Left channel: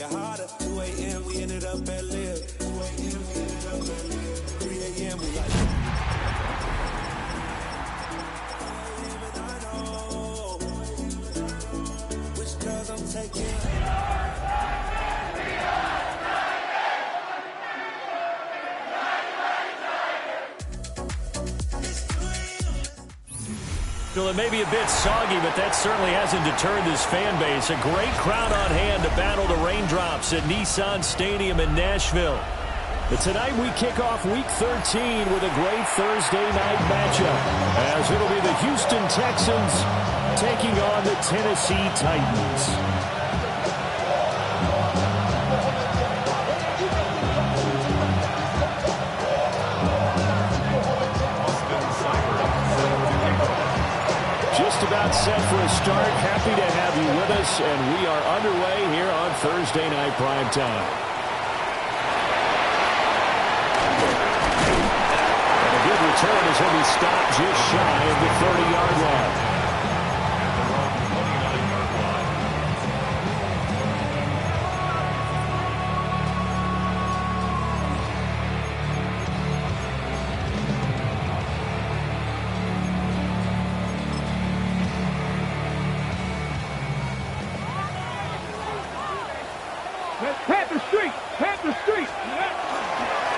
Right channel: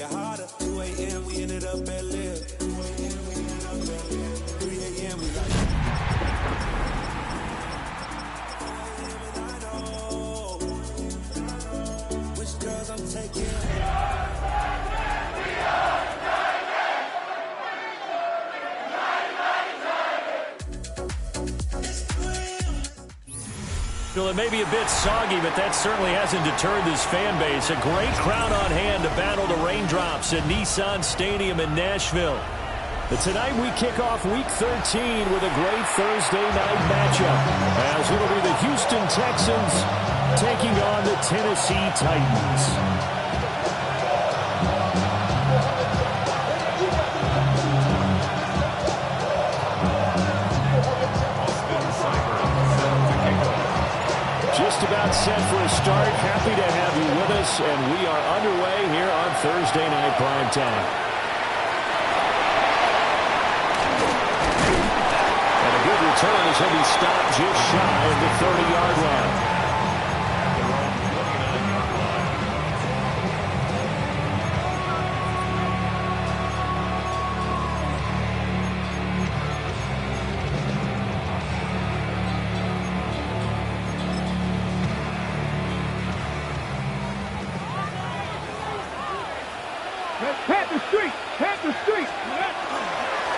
get hotter. 2 a.m. we ended up at Live. 3 a.m. we like. 4 a.m. and I know which girls I'm taking. Well, it may be a bit soggy, but that certainly hasn't deterred this fan base. A great crowd on hand to battle the raindrops at Nissan Stadium in Nashville. But tonight we kick off Week 13 with a great Thursday night matchup, as it'll be the Houston Texans taking on the Tennessee Titans. Just about set for a start. Happy to have you with us, and we are underway here on Thursday Night Primetime. And a good return as he'll be stopped just shy of the 30-yard line.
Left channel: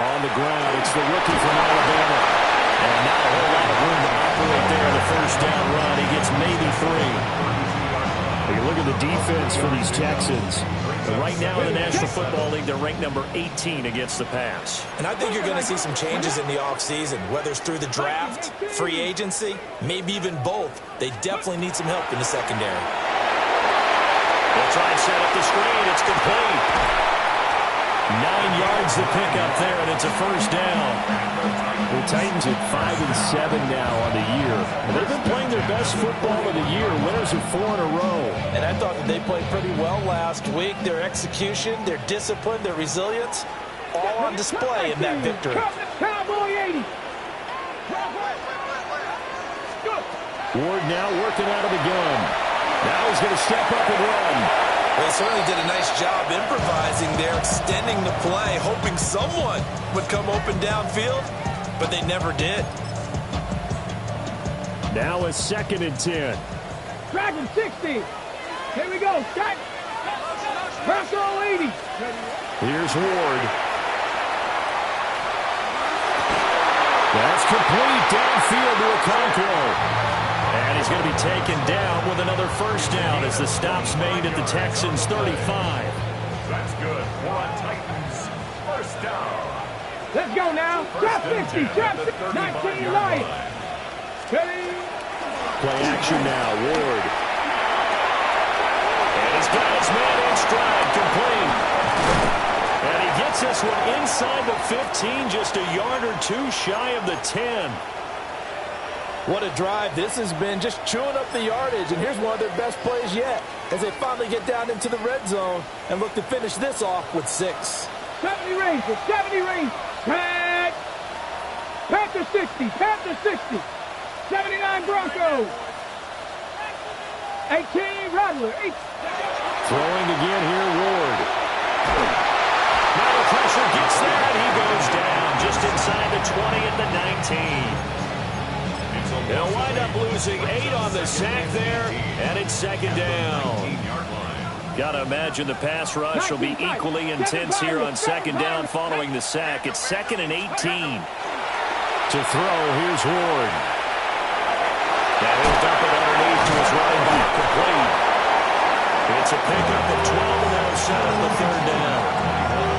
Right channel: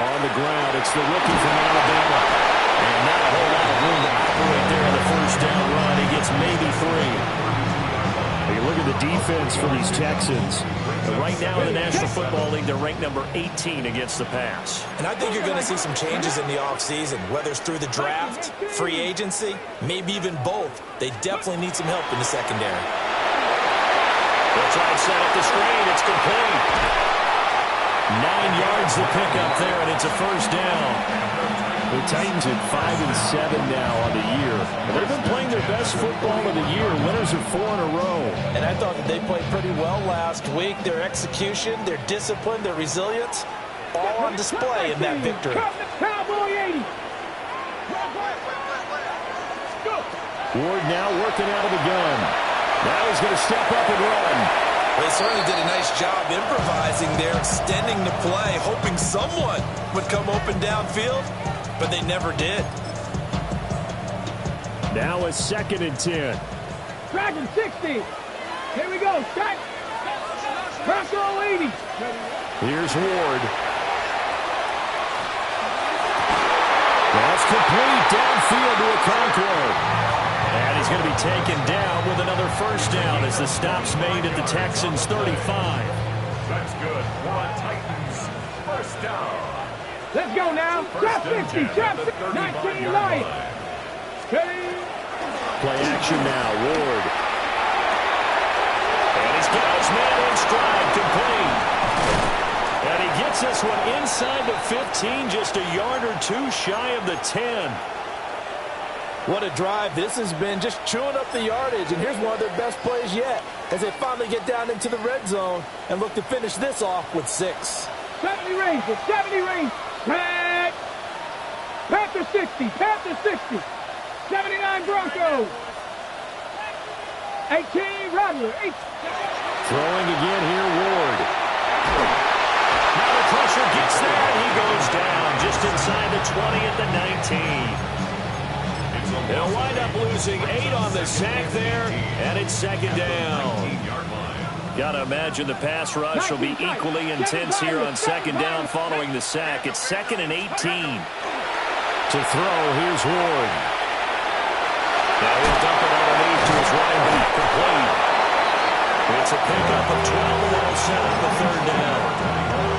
On the ground, it's the rookie from Alabama. And not a whole lot of room to operate there on the first down run. He gets maybe 3. You look at the defense for these Texans. Right now in the National Football League, they're ranked number 18 against the pass. And I think you're going to see some changes in the offseason, whether it's through the draft, free agency, maybe even both. They definitely need some help in the secondary. They'll try and set up the screen. It's complete. 9 yards to pick up there, and it's a first down. The Titans at 5-7 now on the year. And they've been playing their best football of the year. Winners of 4 in a row. And I thought that they played pretty well last week. Their execution, their discipline, their resilience, all on display in that victory. Cowboy 80. Ward now working out of the gun. Now he's going to step up and run. They certainly did a nice job improvising there, extending the play, hoping someone would come open downfield, but they never did. Now a 2nd and 10. Dragon 60. Here we go. Shot. Bronco 80. Here's Ward. That's complete downfield to Okonkwo. And he's going to be taken down with another first down as the stop's made at the Texans' 35. That's good. We're on Titans. First down. Let's go now. Drop 50. Drop 19 Lions. Play action now. Ward. And he's got his man in stride. Complete. And he gets this one inside the 15, just a yard or two shy of the 10. What a drive this has been, just chewing up the yardage. And here's one of their best plays yet as they finally get down into the red zone and look to finish this off with 6. 70 range, 70 range. Panther 60, Panther 60. 79 Broncos. 18 Rattler. Throwing again here, Ward. Now the pressure gets there, and he goes down just inside the 20 at the 19. They'll wind up losing 8 on the sack there, and it's 2nd down. Got to imagine the pass rush will be equally intense here on 2nd down following the sack. It's 2nd and 18. To throw, here's Ward. Now he'll dump it underneath to his running back, complete. It's a pickup of 12, and that'll set up the 3rd down.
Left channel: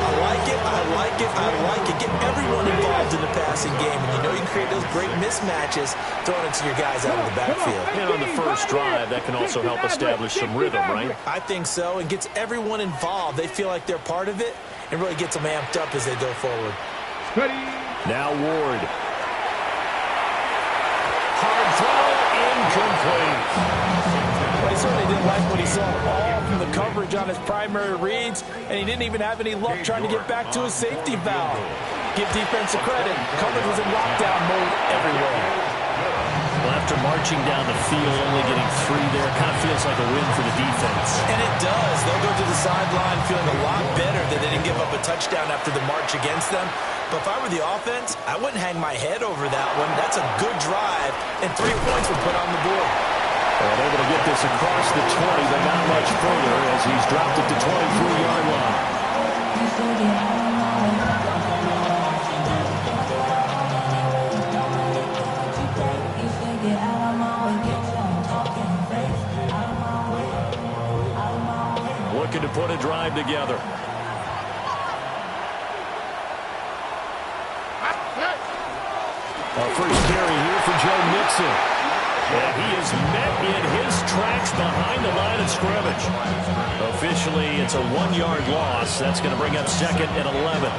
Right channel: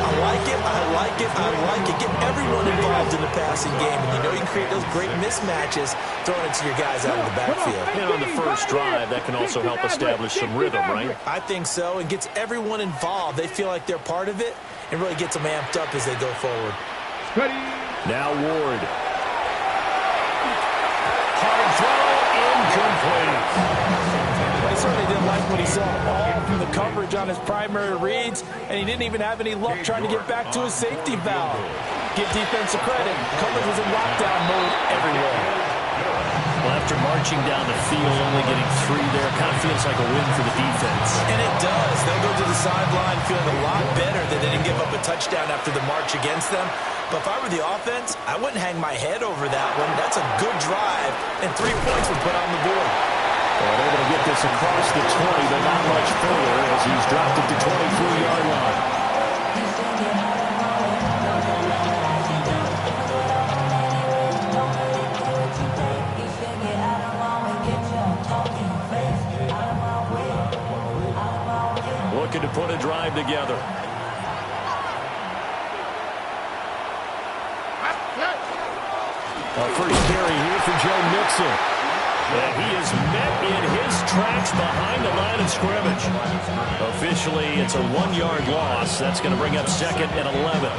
I like it, I like it, I like it. Get everyone involved in the passing game, and you know you can create those great mismatches throwing it to your guys out of the backfield. And on the first drive, that can also help establish some rhythm, right? I think so, and gets everyone involved. They feel like they're part of it, and really gets them amped up as they go forward. Now Ward. Hard throw, incomplete. He certainly didn't like what he saw all from the coverage on his primary reads, and he didn't even have any luck trying to get back to his safety valve. Give defense a credit. Coverage was in lockdown mode everywhere. Well, after marching down the field, only getting 3 there, kind of feels like a win for the defense. And it does. They'll go to the sideline feeling a lot better that they didn't give up a touchdown after the march against them. But if I were the offense, I wouldn't hang my head over that one. That's a good drive, and 3 points were put on the board. And able to get this across the 20, but not much further as he's dropped it to 23-yard line. Looking to put a drive together. First carry here for Joe Mixon. And he is met in his tracks behind the line of scrimmage. Officially, it's a 1-yard loss. That's going to bring up 2nd and 11.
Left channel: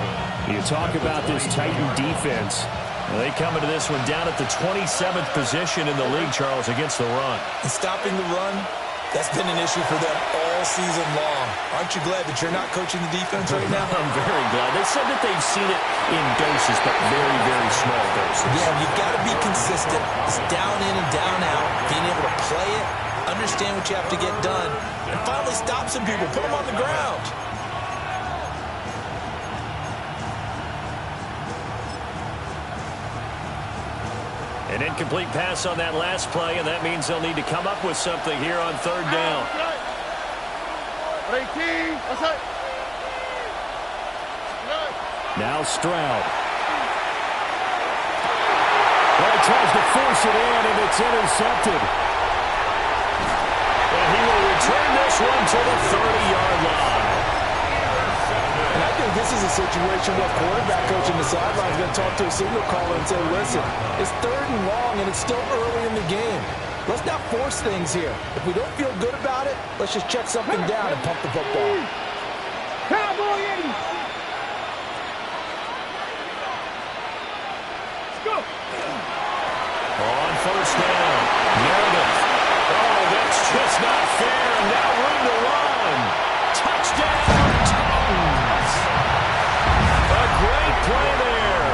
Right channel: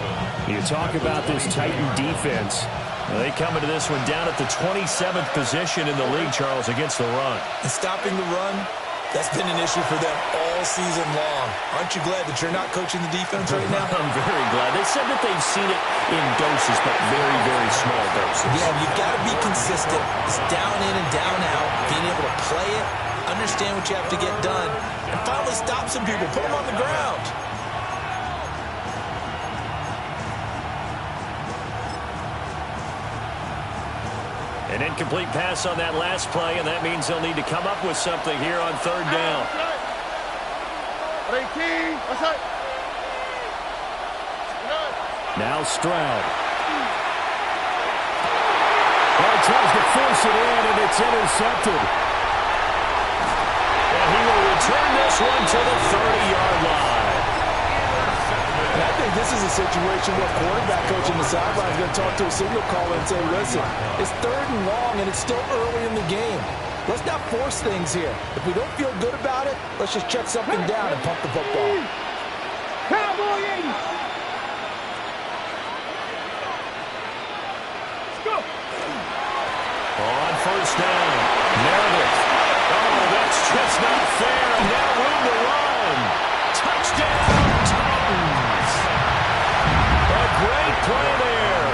You talk about this Titan defense. They come into this one down at the 27th position in the league, Charles, against the run. And stopping the run, that's been an issue for them all season long. Aren't you glad that you're not coaching the defense right now? I'm very glad. They said that they've seen it in doses, but very, very small doses. Yeah, you've got to be consistent. It's down in and down out, being able to play it, understand what you have to get done, and finally stop some people, put them on the ground. An incomplete pass on that last play, and that means they'll need to come up with something here on 3rd down. Now Stroud. Well, he tries to force it in, and it's intercepted. And he will return this one to the 30-yard line. And I think this is a situation where quarterback coach in the sideline is going to talk to a signal caller and say, listen, it's 3rd and long, and it's still early in the game. Let's not force things here. If we don't feel good about it, let's just check something down and pump the football. Cowboy 80. Let's go. On 1st down, Meredith. Oh, that's just not fair, and now room to run. Touchdown, Titans. A great play there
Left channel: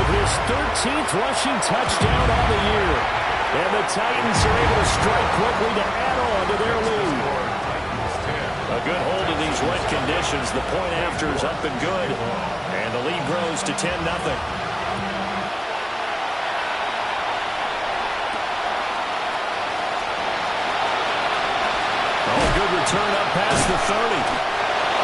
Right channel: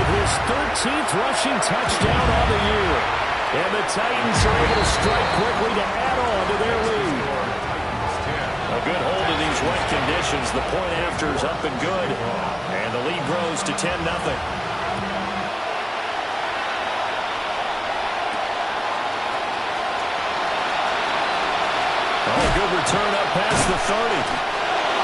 with his 13th rushing touchdown on the year. And the Titans are able to strike quickly to add on to their lead. A good hold in these wet conditions. The point after is up and good. And the lead grows to 10-0. Oh, a good return up past the 30.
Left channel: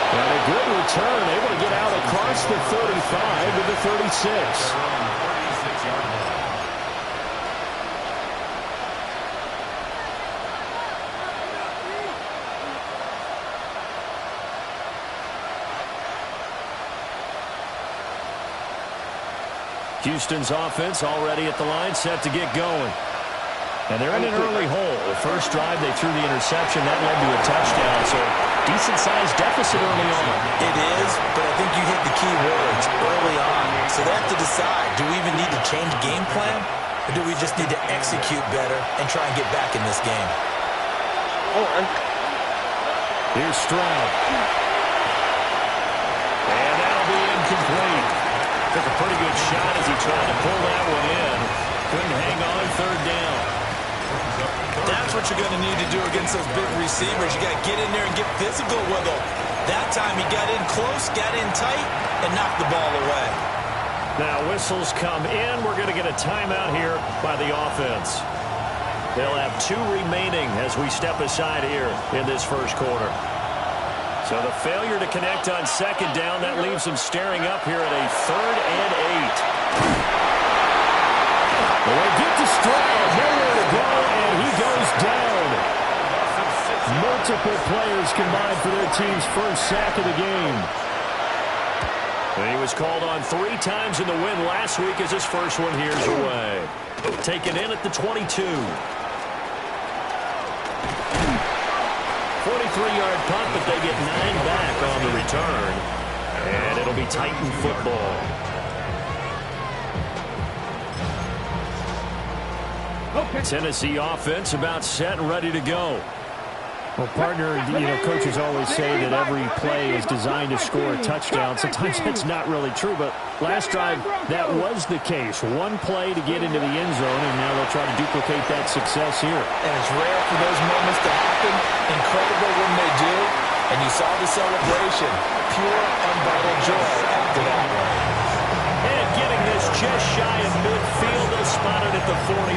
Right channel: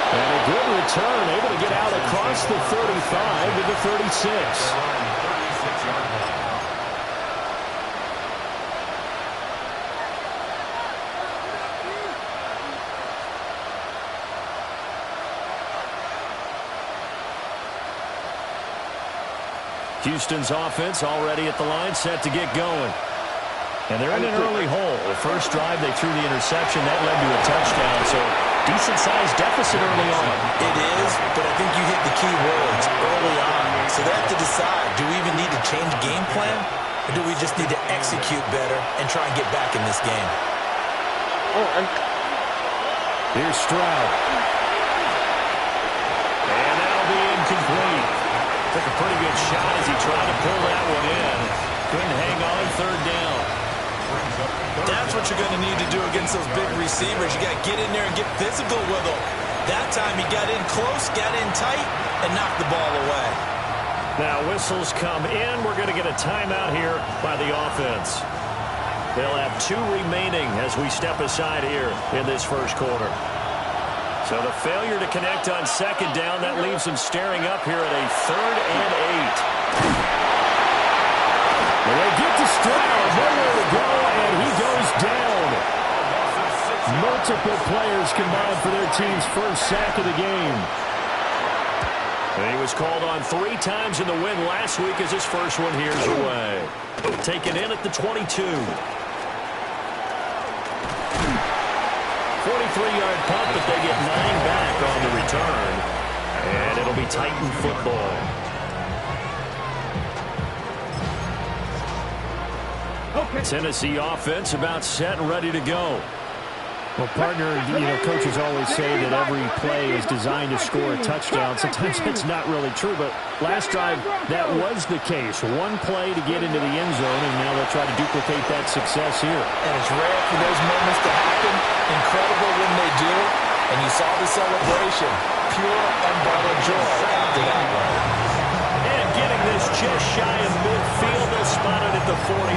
And a good return, able to get out across the 35 to the 36. 36-yard line. Houston's offense already at the line, set to get going. And they're in an early hole. The first drive, they threw the interception. That led to a touchdown, so decent-sized deficit early on. It is, but I think you hit the key words early on. So they have to decide, do we even need to change game plan, or do we just need to execute better and try and get back in this game? Here's Stroud. And that'll be incomplete. Took a pretty good shot as he tried to pull that one in. Couldn't hang on 3rd down. That's what you're going to need to do against those big receivers. You got to get in there and get physical with them. That time he got in close, got in tight, and knocked the ball away. Now whistles come in. We're going to get a timeout here by the offense. They'll have 2 remaining as we step aside here in this first quarter. So the failure to connect on 2nd down, that leaves them staring up here at a 3rd and 8. Well, they get to Stroud, nowhere to go, and he goes down. Multiple players combined for their team's first sack of the game. And he was called on 3 times in the win last week as his first one here's away. Taken in at the 22. 43-yard punt, but they get 9 back on the return. And it'll be Titan football. Okay. Tennessee offense about set and ready to go. Well, partner, coaches always say that every play is designed to score a touchdown. Sometimes that's not really true, but last drive, that was the case. One play to get into the end zone, and now they'll try to duplicate that success here. And it's rare for those moments to happen. Incredible when they do. And you saw the celebration. Pure, unbridled joy after that one. And getting this just shy of midfield, they'll spot it at the 49.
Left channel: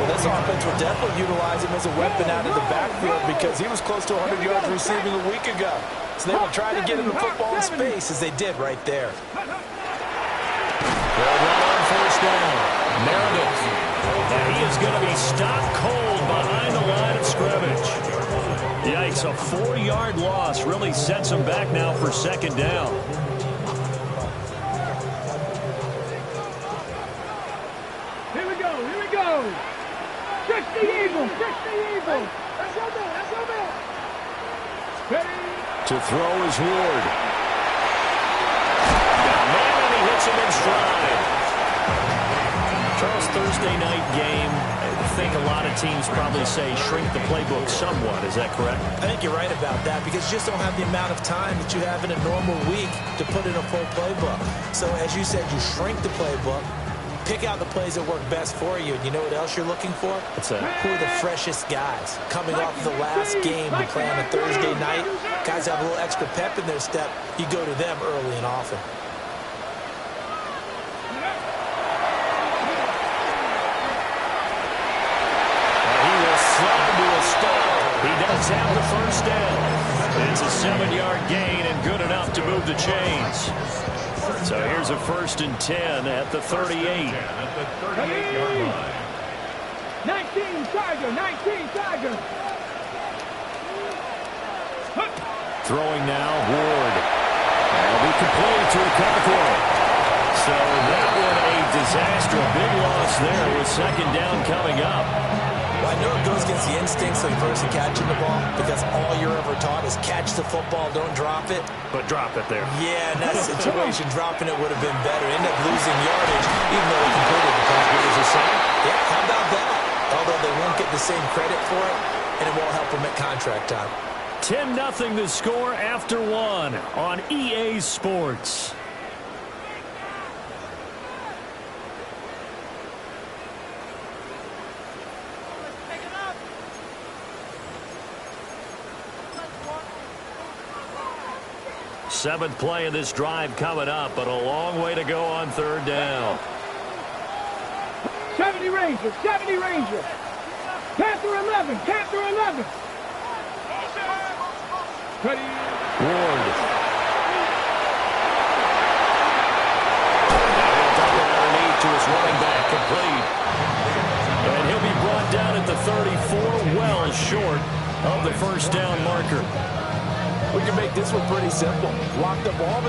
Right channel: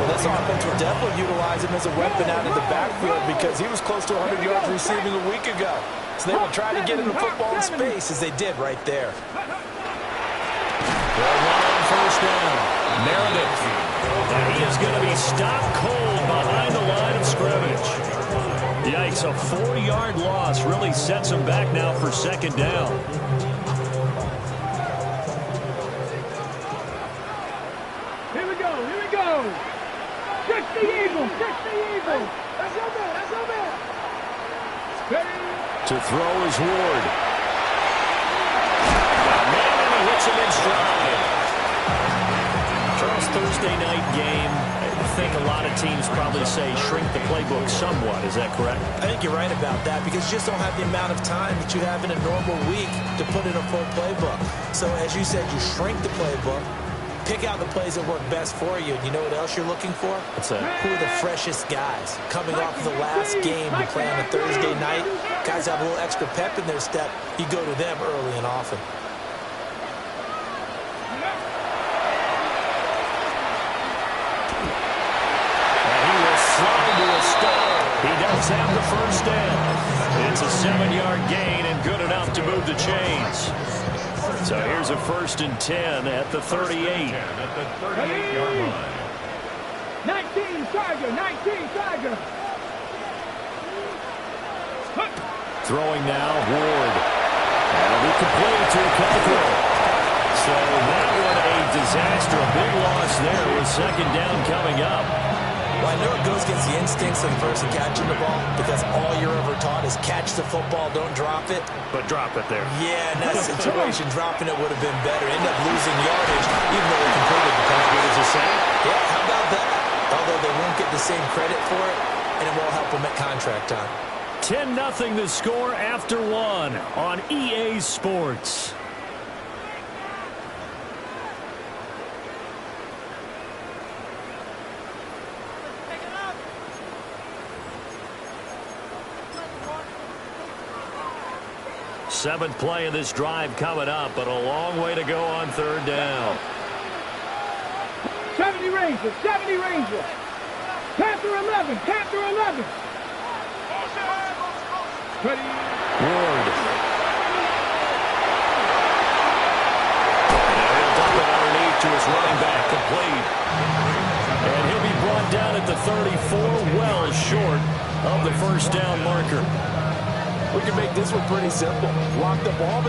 Well, this offense will definitely utilize him as a weapon out of the backfield because he was close to 100 yards receiving a week ago. So they will try to get him the football in space as they did right there. They'll run on first down. Meredith. And he is going to be stopped cold behind the line of scrimmage. Yikes, a 4-yard loss really sets him back now for second down. Here we go, here we go. Stretch the eagle, stretch the eagle. That's your man, that's your man. Ready? To throw is Ward. Got a man, and he hits him in stride. Charles, Thursday night game, I think a lot of teams probably say shrink the playbook somewhat. Is that correct? I think you're right about that because you just don't have the amount of time that you have in a normal week to put in a full playbook. So as you said, you shrink the playbook, pick out the plays that work best for you. And you know what else you're looking for? What's that? Who are the freshest guys coming off of the last game to play on a Thursday night? Guys have a little extra pep in their step. You go to them early and often. Slide to a stop. He does have the first down. It's a 7-yard gain and good enough to move the chains. So here's a 1st and 10 at the 38. At the 38-yard line. 19 Tiger, 19 Tiger. Throwing now, Ward. That'll be complete to Cockrell. So that one a disaster. A big loss there with second down coming up. Well, I know it goes against the instincts of the person catching the ball because all you're ever taught is catch the football, don't drop it. But drop it there. Yeah, in that situation, dropping it would have been better. End up losing yardage, even though they completed the pass. Good as a sack? Yeah, how about that? Although they won't get the same credit for it, and it won't help them at contract time. 10-0 the score after one on EA Sports. Seventh play of this drive coming up, but a long way to go on third down. 70 Rangers, 70 Rangers. Panther 11, Panther 11. Ready? Ward. Now he'll dump it underneath to his running back, complete. And he'll be brought down at the 34, well short of the first down marker. We can make this one pretty simple. Lock the ball.